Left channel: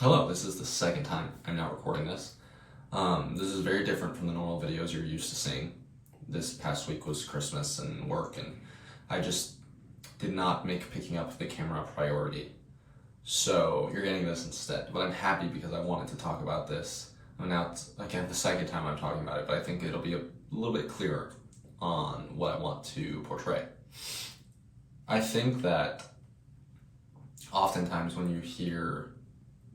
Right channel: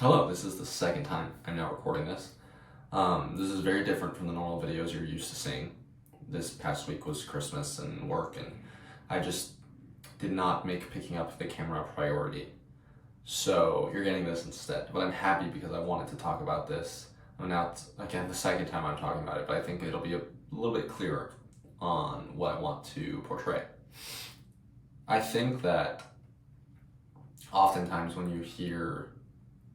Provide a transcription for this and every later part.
Hello, this is the second time I'm now recording this. This is very different from the normal videos you're used to seeing. This past week was Christmas and work, and I just did not make picking up the camera a priority. So you're getting this instead. But I'm happy because I wanted to talk about this. Now, again, the second time I'm talking about it, but I think it'll be a little bit clearer on what I want to portray. I think that oftentimes when you hear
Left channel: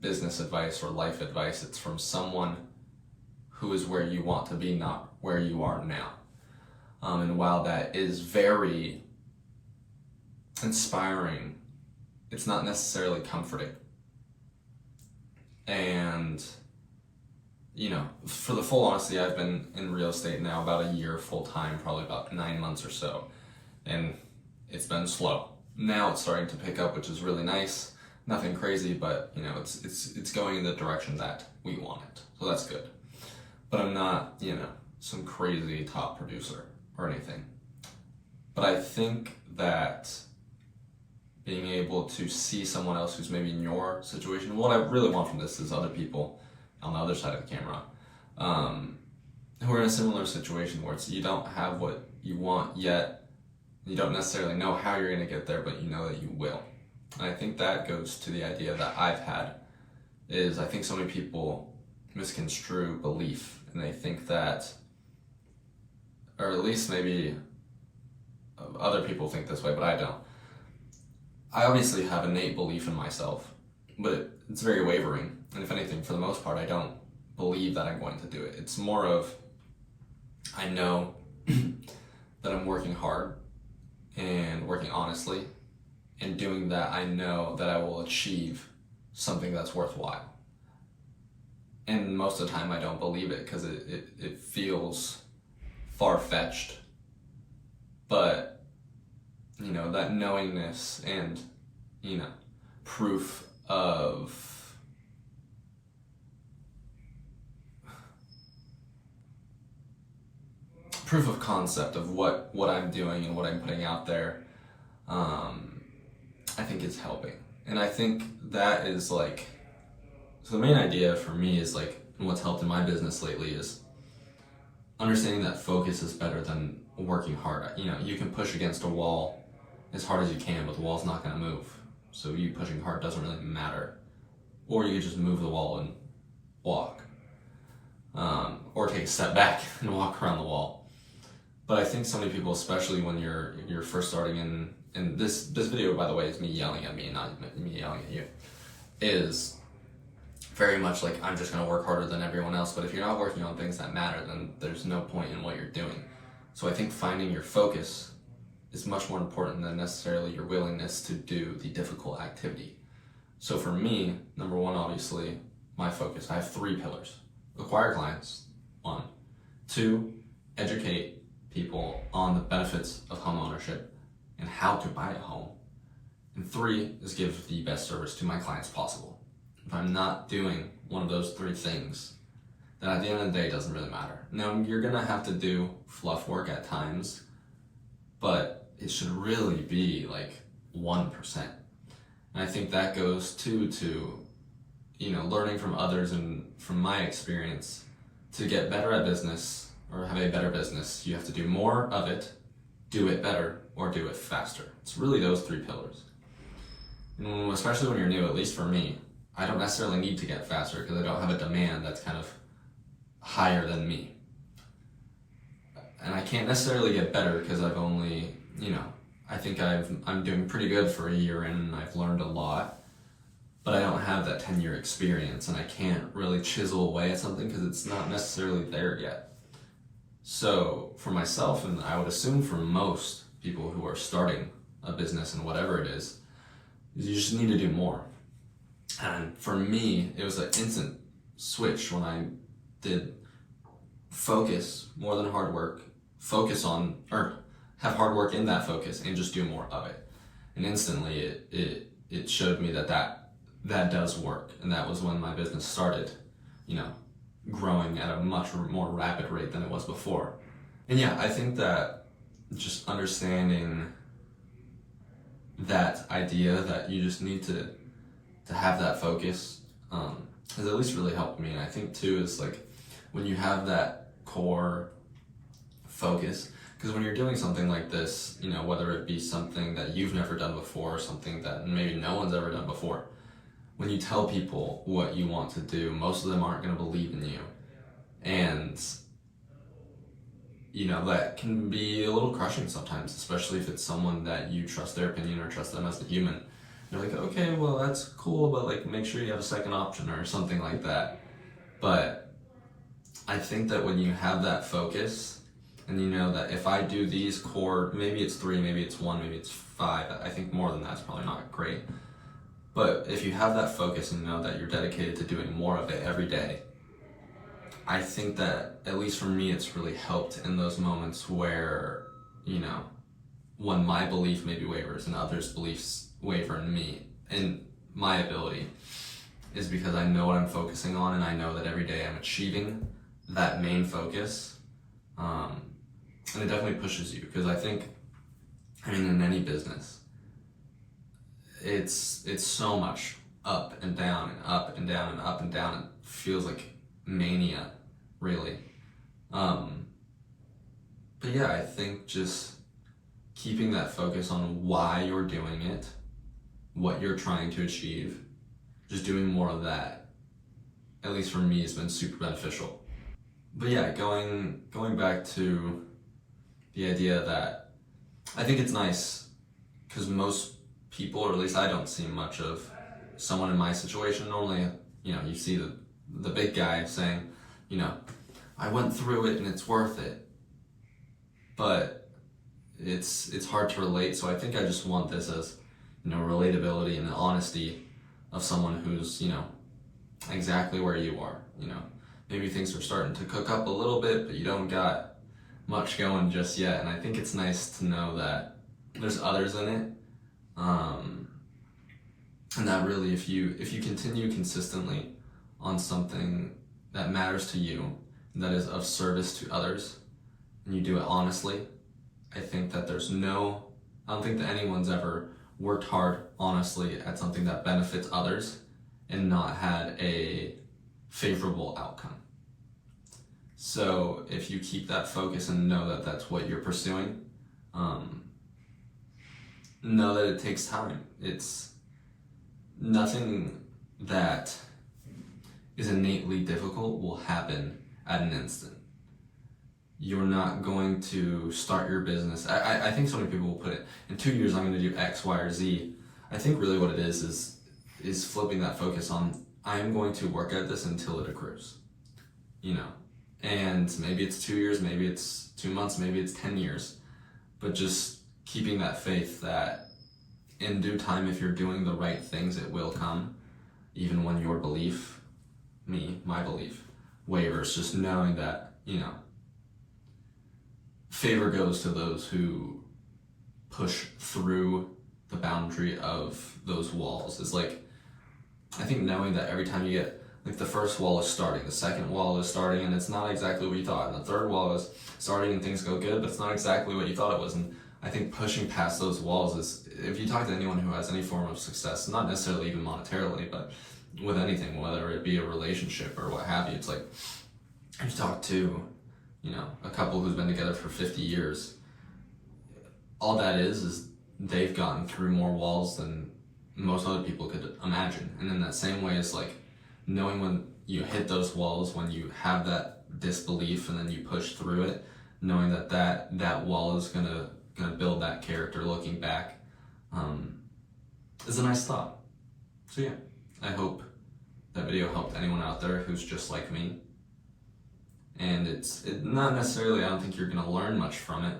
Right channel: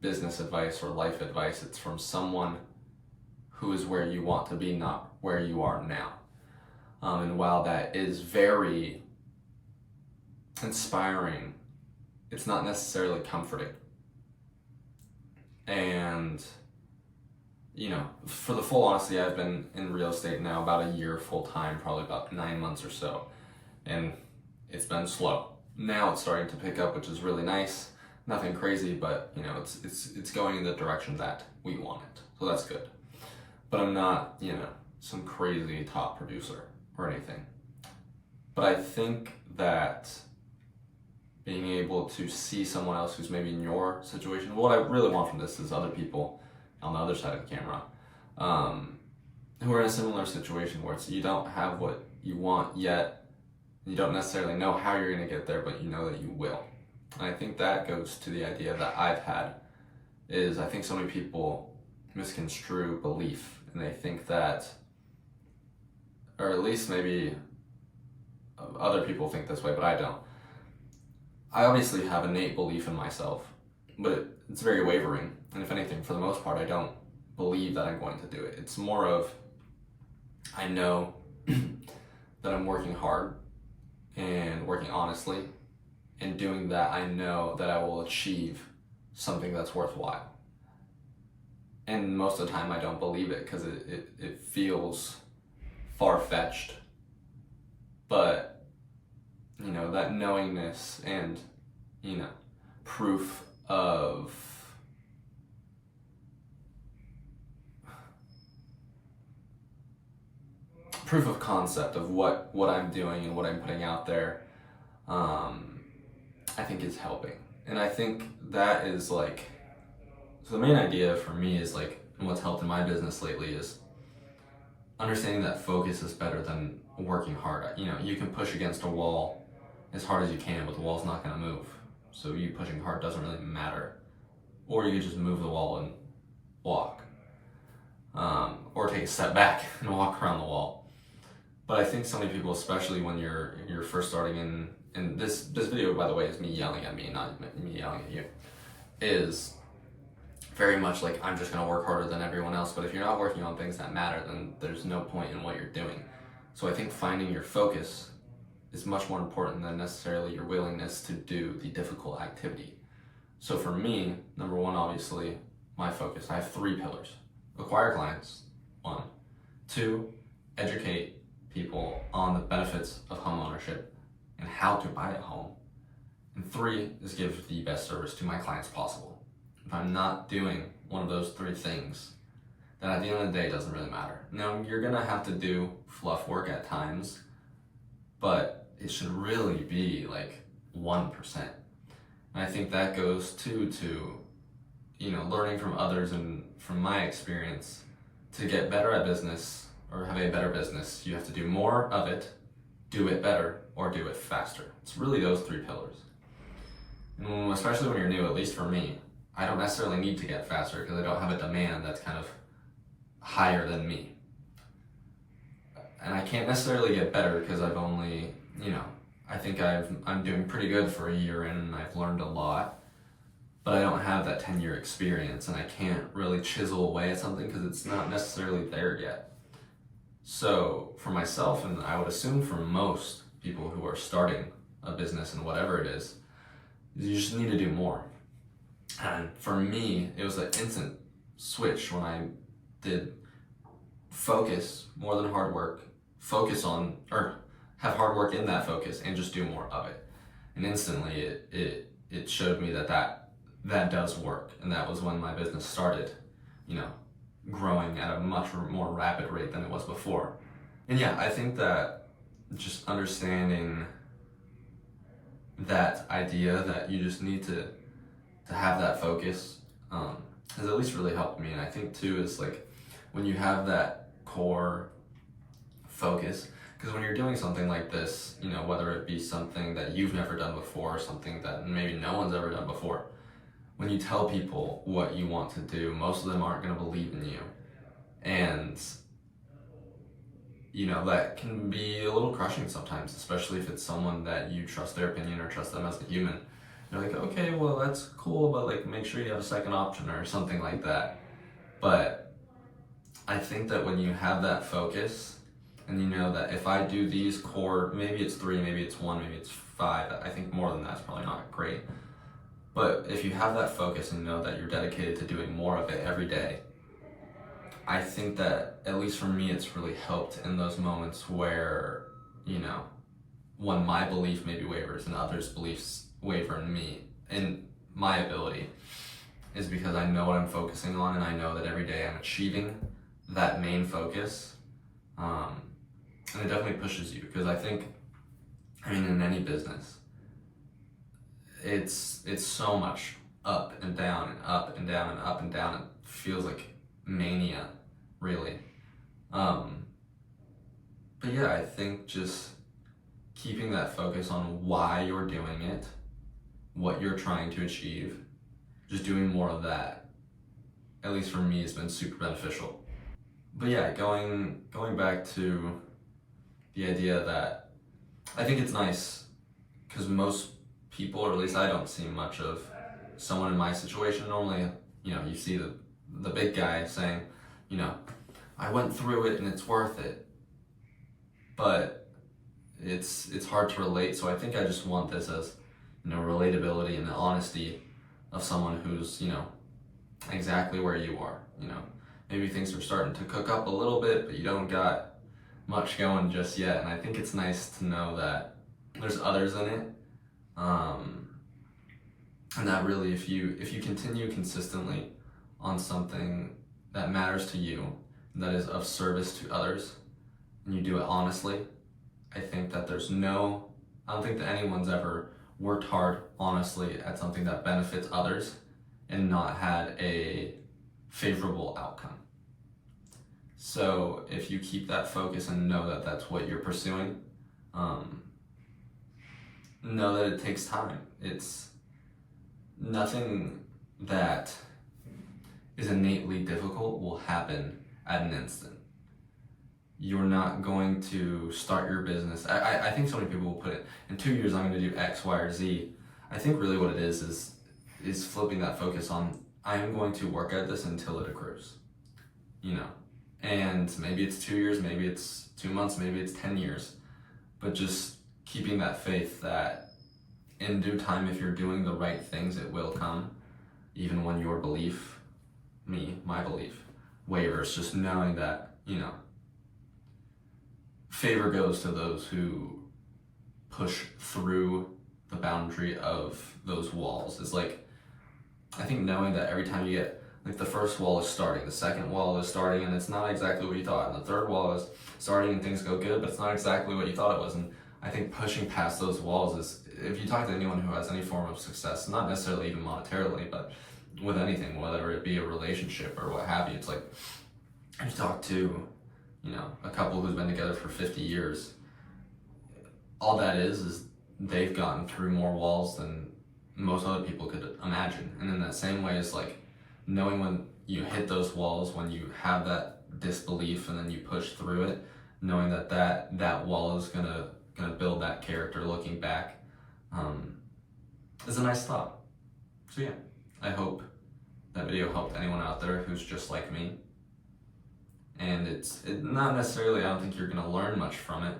business advice or life advice, it's from someone who is where you want to be, not where you are now. And while that is very inspiring, it's not necessarily comforting. And, for the full honesty, I've been in real estate now about a year full time, probably about 9 months or so. And it's been slow. Now it's starting to pick up, which is really nice. Nothing crazy, but it's going in the direction that we want it. So that's good. But I'm not, some crazy top producer or anything. But I think that being able to see someone else who's maybe in your situation, what I really want from this is other people on the other side of the camera who are in a similar situation where you don't have what you want yet. You don't necessarily know how you're going to get there, but you know that you will. And I think that goes to the idea that I've had is I think so many people misconstrue belief, and they think that, or at least maybe other people think this way, but I don't. I obviously have innate belief in myself, but it's very wavering. And if anything, for the most part, I don't believe that I'm going to do it. It's more of, I know that I'm working hard and working honestly, and doing that, I know that I will achieve something that's worthwhile. And most of the time I don't believe it because it feels far-fetched. But, that knowingness and, proof of concept of what I'm doing and what I'm putting out there, I think it's helping. And I think that is so the main idea for me is and what's helped in my business lately is understanding that focus is better than working hard. You can push against a wall as hard as you can, but the wall's not going to move. So you pushing hard doesn't really matter. Or you can just move the wall and walk. Or take a step back and walk around the wall. But I think so many people, especially when you're first starting and this video, by the way, is me yelling at me, not me yelling at you, is very much I'm just going to work harder than everyone else. But if you're not working on things that matter, then there's no point in what you're doing. So I think finding your focus is much more important than necessarily your willingness to do the difficult activity. So for me, number one, obviously, my focus. I have 3 pillars. Acquire clients, 1. 2, educate people on the benefits of homeownership and how to buy a home. And 3 is give the best service to my clients possible. If I'm not doing one of those 3 things, then at the end of the day, it doesn't really matter. Now, you're gonna have to do fluff work at times, but it should really be 1%. And I think that goes to learning from others and from my experience. To get better at business or have a better business, you have to do more of it, do it better, or do it faster. It's really those 3 pillars. And especially when you're new, at least for me, I don't necessarily need to get faster because I don't have a demand that's kind of higher than me. And I can't necessarily get better because I've only, I think I'm doing pretty good for a year in, and I've learned a lot, but I don't have that 10-year experience, and I can't really chisel away at something because it's not necessarily there yet. So for myself, and I would assume for most people who are starting a business and whatever it is you just need to do more. And for me, it was an instant switch when I did focus more than hard work, focus on, or have hard work in that focus and just do more of it. And instantly it showed me that does work. And that was when my business started, growing at a much more rapid rate than it was before. And yeah, I think that just understanding that idea that you just need to have that focus has at least really helped me. And I think too is like when you have that core focus, because when you're doing something like this, you know, whether it be something that you've never done before or something that maybe no one's ever done before, when you tell people what you want to do, most of them aren't going to believe in you. And you know, that can be a little crushing sometimes, especially if it's someone that you trust their opinion or trust them as a human. You're like, okay, well, that's cool, but like, make sure you have a second option or something like that. But I think that when you have that focus and you know that if I do these core, maybe it's 3, maybe it's 1, maybe it's 5, I think more than that's probably not great. But if you have that focus and know that you're dedicated to doing more of it every day, I think that, at least for me, it's really helped in those moments where, you know, when my belief maybe wavers and others' beliefs waver in me, in my ability, is because I know what I'm focusing on and I know that every day I'm achieving that main focus. And it definitely pushes you, because I think, I mean, in any business, it's so much up and down and up and down and up and down. It feels like mania, really. But yeah, I think just keeping that focus on why you're doing it, what you're trying to achieve, just doing more of that, at least for me, has been super beneficial. But yeah, going back to the idea that I think it's nice, because most people, or at least I don't see much of someone in my situation. Normally, you know, you see the big guy saying, you know, I went through it and it's worth it. But it's hard to relate, so I think I just want this as, you know, relatability and the honesty of someone who's, you know, exactly where you are. You know, maybe things are starting to cook up a little bit, but you don't got much going just yet. And I think it's nice to know that there's others in it, and that really, if you continue consistently on something that matters to you, that is of service to others, and you do it honestly, I think that I don't think that anyone's ever worked hard honestly at something that benefits others and not had a favorable outcome. So if you keep that focus and know that that's what you're pursuing, know that it takes time. It's nothing that is innately difficult will happen at an instant. You're not going to start your business. I think so many people will put it, in 2 years I'm going to do X, Y, or Z. I think really what it is flipping that focus on, I am going to work at this until it accrues. You know, and maybe it's 2 years, maybe it's 2 months, maybe it's 10 years, but just keeping that faith that in due time, if you're doing the right things, it will come, even when your belief, my belief, wavers. Just knowing that, you know, favor goes to those who push through the boundary of those walls. It's like, I think knowing that every time you get, like, the first wall is starting, the second wall is starting, and it's not exactly what you thought, and the third wall is starting and things go good, but it's not exactly what you thought it was. And I think pushing past those walls is, if you talk to anyone who has any form of success, not necessarily even monetarily, but with anything, whether it be a relationship or what have you, it's like, if you talk to, you know, a couple who's been together for 50 years, all that is they've gotten through more walls than most other people could imagine. And in that same way, it's like knowing when you hit those walls, when you have that disbelief and then you push through it, knowing that wall is gonna build that character looking back, is a nice thought. So yeah, I hope that video helped anyone out there who's just like me. And it's not necessarily, I don't think you're gonna learn much from it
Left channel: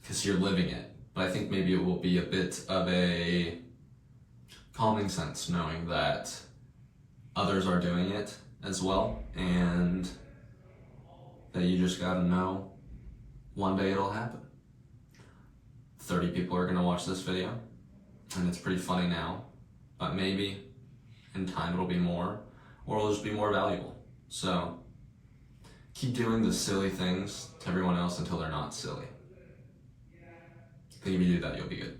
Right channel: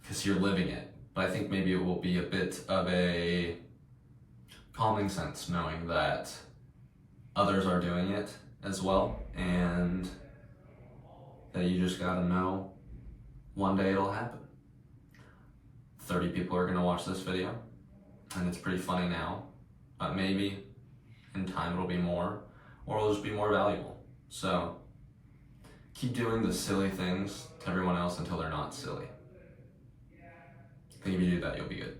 because you're living it, but I think maybe it will be a bit of a calming sense knowing that others are doing it as well, and that you just gotta know one day it'll happen. 30 people are gonna watch this video, and it's pretty funny now, but maybe in time it'll be more, or it'll just be more valuable. So keep doing the silly things to everyone else until they're not silly. I think if you do that, you'll be good.